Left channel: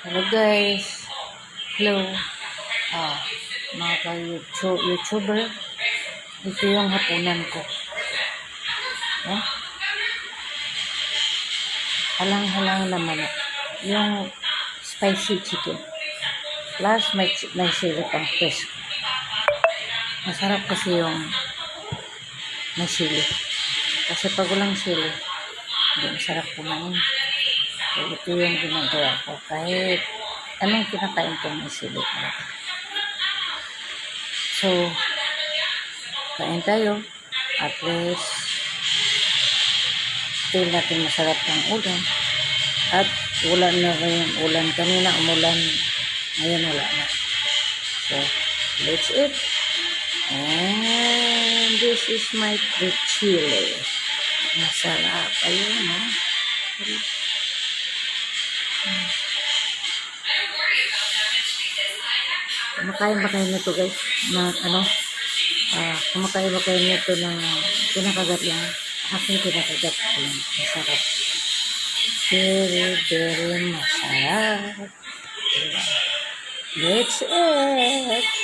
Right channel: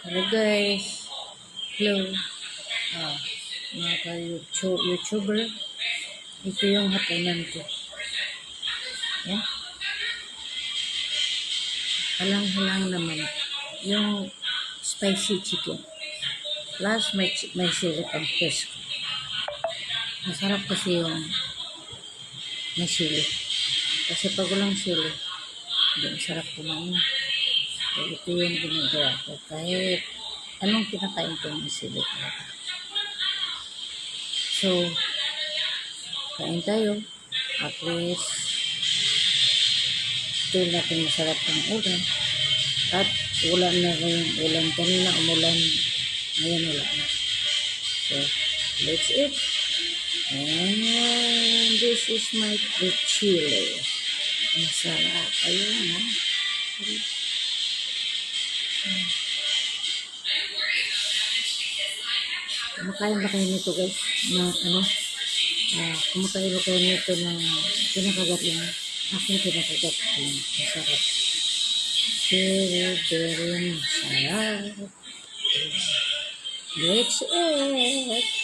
Hello guys. Hello. Ah, mga YouTuber. Ito yung hapunan ko. Eh? Halang-halang naman. Yung spicy chicken. Plus may sili pang fish. Masarap kasi yung may sili. Kasi pag walang sili, hindi masarap kumain. So, ito yung ginagawa ko. Kahit anong kinakain ko may sili talaga. So, kain tayo. At least, feel natin masarap ang ulam. At ulan na rin ulan. Kanina umulan. Ngayon wala na. So, let's eat. And this is my chili. Masarap. Ayun, ha? Kumakain ba kayo nito guys? Na ano? Kumakain ba kayo nito ng pinakagat lang? Aking pinakagat lang. Masarap. Very, very masarap. Let's eat.